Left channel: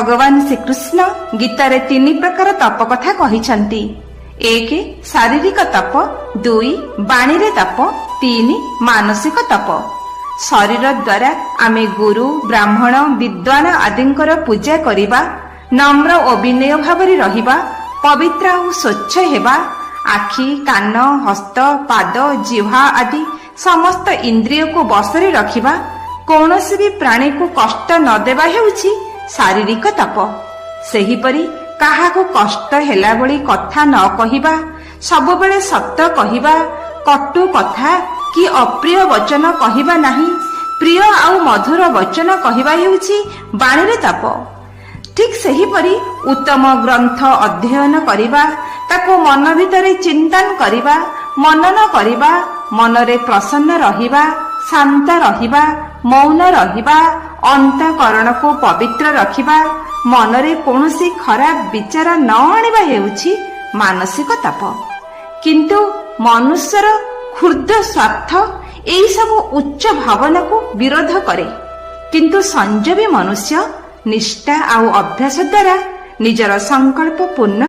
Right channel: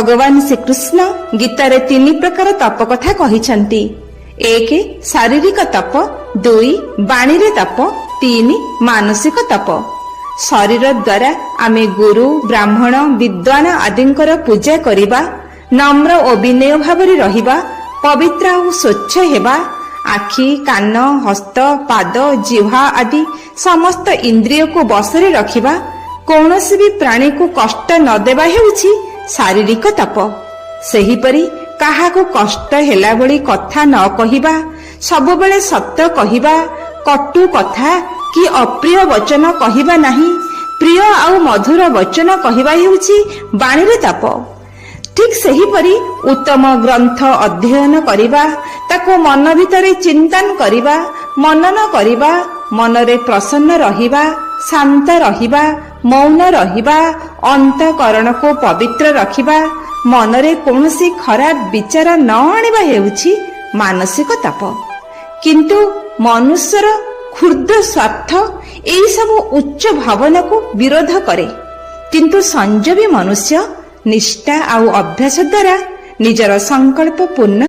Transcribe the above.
ଭଗବାନ ଶ୍ରୀକୃଷ୍ଣ ଗୀତାରେ 3 ପ୍ରକାର ତପ କଥା କହିଛନ୍ତି। 1 ଶାରୀରିକ ତପ, 2 ବାଣୀରେ ତପ, 3 ମାନସିକ ତପ। ଶରୀର ଦ୍ୱାରା ଆମେ ଗୁରୁ, ବ୍ରାହ୍ମଣ, ବିଦ୍ୱାନ ଆଦିଙ୍କର ପୂଜା କରିବା, ନମ୍ର ଓ ବିନୟ ଭାବରେ ରହିବା, ପବିତ୍ର ଆଉ ସ୍ୱଚ୍ଛ ହେବା, ଆଖି, କାନ, ହସ୍ତ, ପାଦ, ଜିହ୍ବା ଆଦି ସମସ୍ତ ଇନ୍ଦ୍ରିୟକୁ ବଶରେ ରଖିବା, କୌଣସି ବି ପ୍ରାଣୀକୁ କଷ୍ଟ ନ ଦେବା ହେଉଛି ଶାରୀରିକ ତପ। ସେହିପରି କାହାକୁ କଷ୍ଟ ହେଲା ଭଳି କଥା ନ କହିବା, ସବୁବେଳେ ସତ କହିବା, କଟୁ କଥା କି ଅପ୍ରିୟ ବଚନ କହିବା ନାହିଁ, ପ୍ରିୟ ଆଉ ମଧୁର ବଚନ କହିବା ହେଉଛି ବାଣୀରେ ତପ। ଠିକ୍ ସେହିପରି ଉତ୍ତମ ଗ୍ରନ୍ଥ ଅଧ୍ୟୟନ କରିବା, ତାକୁ ମନ ଭିତରେ ଚିନ୍ତନ କରିବା, ମନନ କରିବା, ମନରେ ପ୍ରସନ୍ନ ରହିବା, ଶାନ୍ତ ରହିବା, ମୌନ ରହିବା, ଅନ୍ତଃକରଣକୁ ପବିତ୍ର ରଖିବା, ମନରେ କୌଣସି ଖରାପ ବିଚାର ନ ଆଣିବା ହେଉଛି ମାନସିକ ତପ। କିନ୍ତୁ ମନୁଷ୍ୟର କ୍ଷୁଦ୍ର ସ୍ୱାର୍ଥ ଏହିସବୁ ଉଚ୍ଚ ଭାବନାକୁ ବିରୋଧ କରେ। କିନ୍ତୁ ସଂଯମୀ ମନୁଷ୍ୟ ନିଷ୍ଠା ଆଉ ଅଭ୍ୟାସ ଦ୍ୱାରା ନିଜର ସଂକଳ୍ପ ପୂର୍ଣ୍ଣ